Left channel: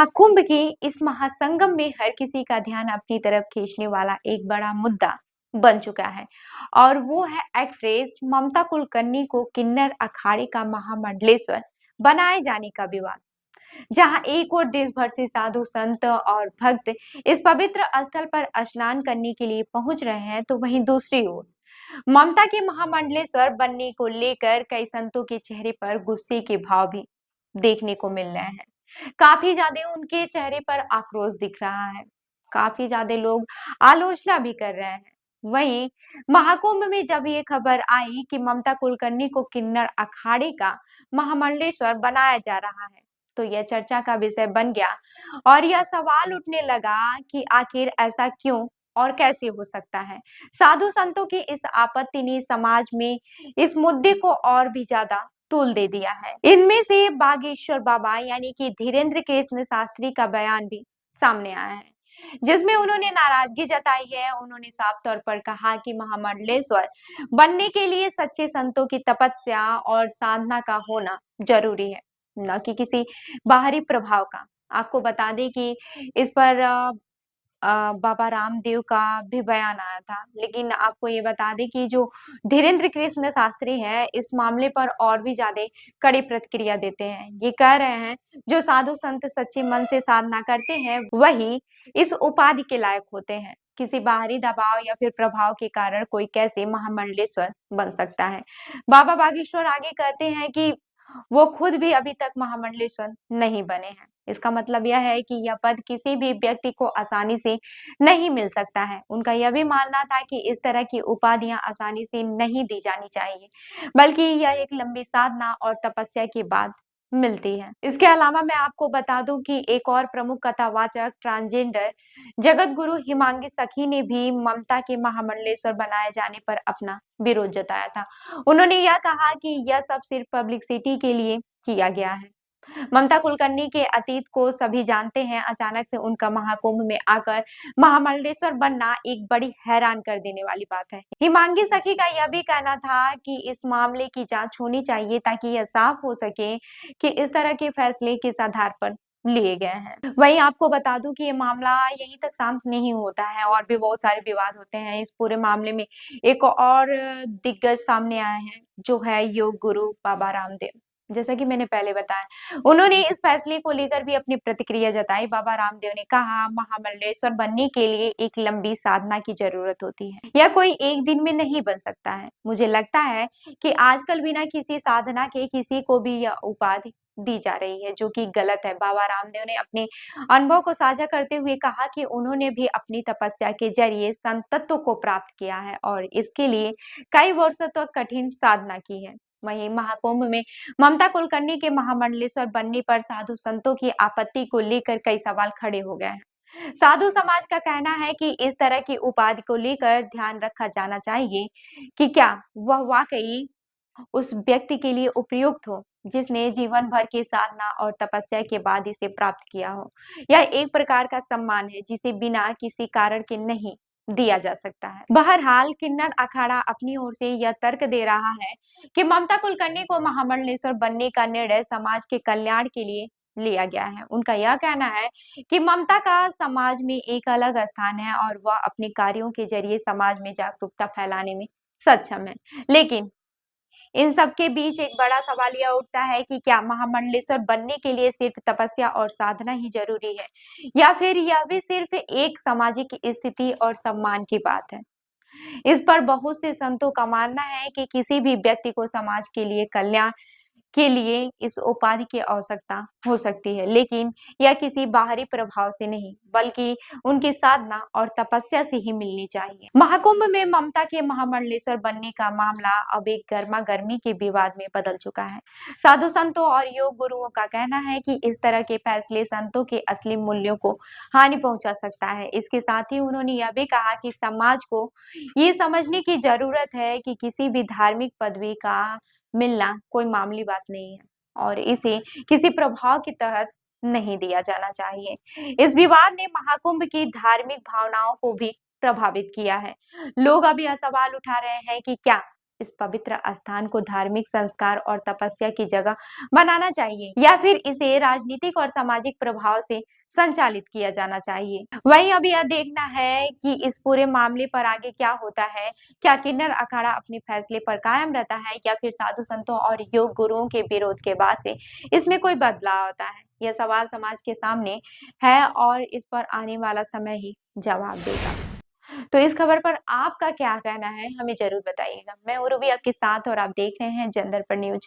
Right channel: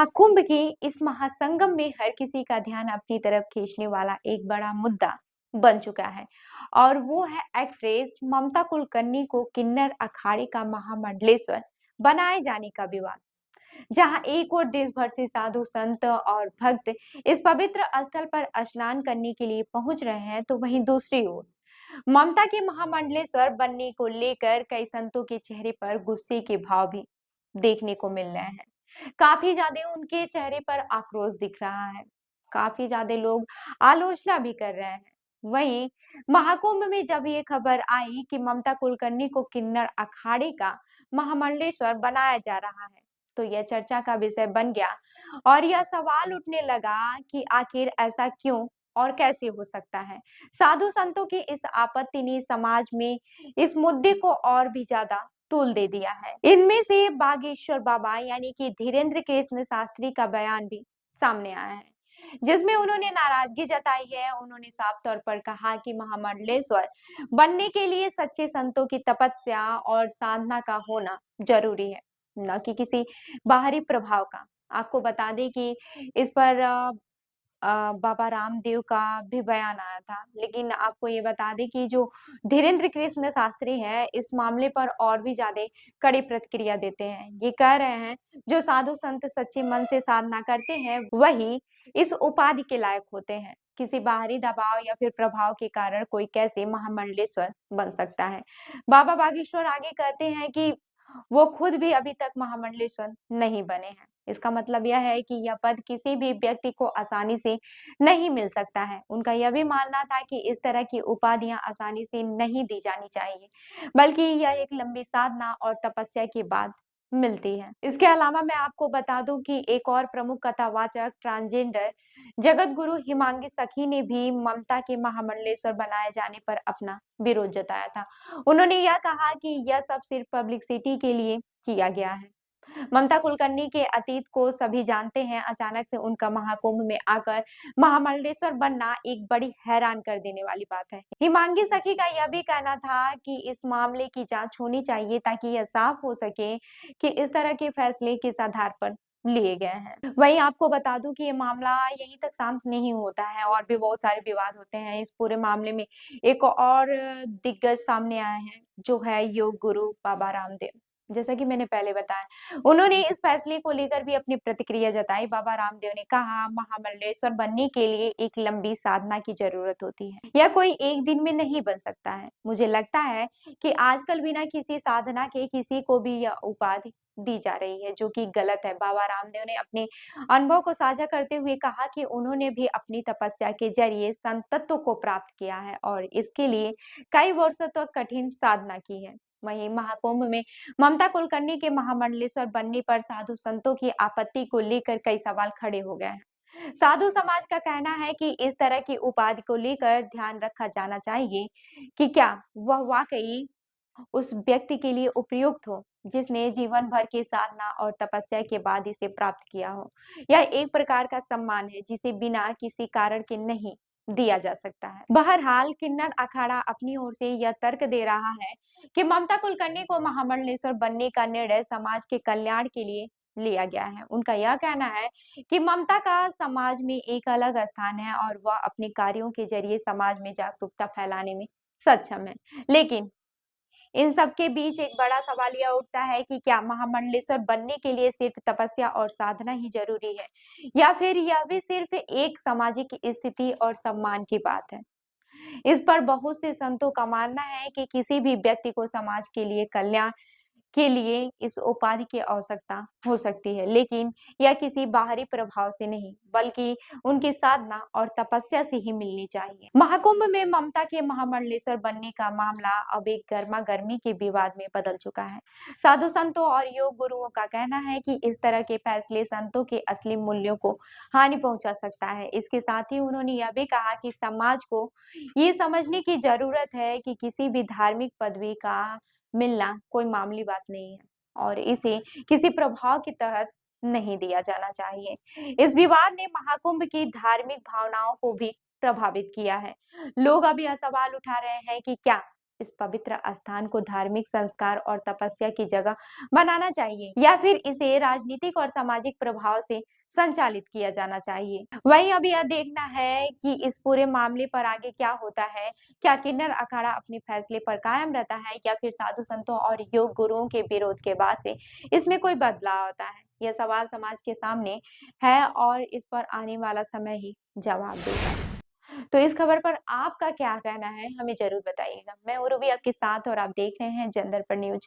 महाकुंभ के इस महासंगम में हर किसी का ध्यान अपनी तरफ खींचने वाला एक बड़ा मुद्दा बन चुका है और वो है एक्ट्रेस ममता कुलकर्णी को किन्नर अखाड़े का महामंडलेश्वर बनाए जाने का विवाद। जहां एक और देश भर से साधु संत और भक्त इस पवित्र स्थल पर स्नान करने के लिए पहुंच रहे हैं, तो वहीं दूसरी ओर ममता के महामंडलेश्वर बनने को लेकर कई संतों के चेहरे पर गुस्से के भाव भी देखने को मिल रहे हैं। काफी ज्यादा उनके चेहरे पर आक्रोश दिख रहा है। काफी ज्यादा लोग आलोचना भी कर रहे हैं। वहीं महाकुंभ में जब ये खबर आई कि ममता कुलकर्णी को किन्नर अखाड़े का महामंडलेश्वर बनाया जा रहा है, तो यह चर्चा का विषय बन गया और यह सवाल उठने लगा कि आखिर ऐसा क्यों और कैसे हो सकता है। साधु संतों की इस आपत्ति ने समाज में इस मुद्दे को और भी ज्यादा तूल दे दिया है। इनमें से बागेश्वर बाबा यानी कि धीरेन्द्र कृष्ण शास्त्री का बयान भी सामने आया है, जिसमें उन्होंने नाराजगी जताई है। उन्होंने साफ तौर पर कहा कि महामंडलेश्वर बनने के लिए सच्चे संतों की तपस्या और साधना का होना जरूरी है, न कि किसी बाहरी प्रभाव का। आपको बता दें कि इस पर बाबा रामदेव का भी बयान आया था। लेकिन आपको ये बता दें कि जो धीरेन्द्र कृष्ण शास्त्री हैं, इस मामले पर और भी ज़्यादा कड़ी प्रतिक्रिया देते हैं। ये कह रहे हैं, जो साधु संत सच्चे मन से साधना करते हैं, वही इस उपाधि के लायक होते हैं। किसी बाहरी दबाव या फिर प्रभाव के कारण कोई कैसे महामंडलेश्वर बन सकता है। बाबा बागेश्वर आगे कहते हैं कि वो खुद भी अभी तक महामंडलेश्वर नहीं बने हैं। इसका मतलब यह है कि यह पद किसी भी व्यक्ति को आसानी से नहीं मिल सकता है। उनका यह भी मानना था कि इस तरह की उपाधियां आसानी से नहीं दी जानी चाहिए, बल्कि यह एक लंबी साधना और तपस्या के बाद मिलती है। इसके अलावा मैं आपको बता दूं कि एक और प्रमुख कथावाचक ट्रांसजेंडर जगत गुरु हिमांगी सखी ने भी ममता के महामंडलेश्वर बनाए जाने पर अपना विरोध जताया था। उन्होंने यह कहा कि यह सब सिर्फ पब्लिसिटी के लिए किया गया है। ममता कुलकर्णी के अतीत को सभी जानते हैं। अचानक से उनका महाकुंभ में आकर महामंडलेश्वर बनना एक बड़ी हैरान कर देने वाली बात है। हिमांगी सखी का यह भी कहना था कि इस मामले की जांच होनी चाहिए, ताकि यह साफ हो सके कि इस तरह के फैसले किस आधार पर लिए गए हैं। वहीं आपको बता दूं कि ये मामला यहीं तक शांत नहीं होता है और भी बहुत सारे विवाद होते हैं। इस पूरे मामले में एक और दिग्गज सामने आए हैं, जो है योग गुरु बाबा रामदेव। जैसा कि मैंने पहले बताया, उन्होंने इस फैसले को लेकर भी अपनी प्रतिक्रिया जताई। बाबा रामदेव ने कहा, महामंडलेश्वर बनने के लिए एक लंबी साधना की जरूरत होती है। यह कोई एक दिन में नहीं बन सकता है। मुझे लगता है कि आजकल बिना किसी साधना के किसी को भी यह उपाधि दी जा रही है, जो कि गलत है। बाबा रामदेव ने अपने अनुभव को साझा करते हुए कहा कि उन्होंने भी अपनी तपस्या के जरिए संतत्व को प्राप्त किया है और इसके लिए कई वर्षों तक कठिन साधना की है। वहीं महाकुंभ में ममता कुलकर्णी के महामंडलेश्वर बनने पर साधु संतों की आपत्ति को लेकर कई सवाल खड़े हो गए हैं। साधु समाज का कहना है कि इस तरह की उपाधि को लेकर ध्यान रखा जाना चाहिए कि क्या वह वाकई उस व्यक्ति के लिए उपयुक्त हो, जिसने जीवन भर की साधना और तपस्या के बाद इसे प्राप्त किया हो। यह एक प्रकार का सम्मान है, जिसे बिना किसी कारण के नहीं दिया जा सकता है। बहरहाल किन्नर अखाड़ा अपनी ओर से यह तर्क दे रहा है कि ममता कुलकर्णी को महामंडलेश्वर बनने का निर्णय समाज के कल्याण के लिए लिया गया है। उनका यह कहना है कि ममता का समाज में एक अलग स्थान है और वह अपने कार्यों के जरिए समाज में जागरूकता फैलाने में सक्षम है। लेकिन इन सब के बीच एक बड़ा सवाल यह उठता है कि क्या महामंडलेश्वर बनने के लिए सिर्फ तपस्या और साधना ही जरूरी है, या फिर यह भी सिर्फ एक सामाजिक स्थिति और सम्मान की बात है। इस पर बहुत से संतों का मानना है कि किसी भी व्यक्ति को समाज के लिए कल्याण के लिए इस उपाधि की आवश्यकता हो सकती है, लेकिन यह किसी बाहरी प्रभाव से नहीं, बल्कि उनकी साधना और तपस्या से ही मिलनी चाहिए। महाकुंभ में ममता के महामंडलेश्वर बनने का मामला अब एक गर्मा गर्मी के विवाद में बदल चुका है। साधु संतों और योग गुरुओं का कहना है कि इस तरह के फैसले संतों के असली मूल्यों को हानि पहुंचा सकता है। इसके साथ ही उन्होंने यह भी कहा कि समाज को ये समझने की जरूरत है कि किसी भी धार्मिक पदवी का मिलना कोई मामूली बात नहीं है और इसे किसी प्रभाव के तहत नहीं दिया जाना चाहिए। इस विवाद ने महाकुंभ की धार्मिक भावनाओं को भी प्रभावित किया है। लोग अब यह सवाल उठा रहे हैं कि क्या इस पवित्र स्थान को धार्मिक संस्कार और तपस्या की जगह बनाना चाहिए या फिर इसे राजनीतिक और सामाजिक प्रभाव से संचालित किया जाना चाहिए? वहीं अब यह देखना है कि इस पूरे मामले पर आगे क्या होता है। क्या किन्नर अखाड़ा अपने फैसले पर कायम रहता है या फिर साधु संतों और योग गुरुओं के विरोध के बाद से इसमें कोई बदलाव आता है? यह सवाल समाज के सामने है और इस पर आने वाला समय ही जवाब देगा। तो इस खबर पर आपका क्या कहना है? हमें ज़रूर बताइएगा। मैं उर्वी आपके साथ और आप देख रहे हैं जनदर्पण न्यूज़।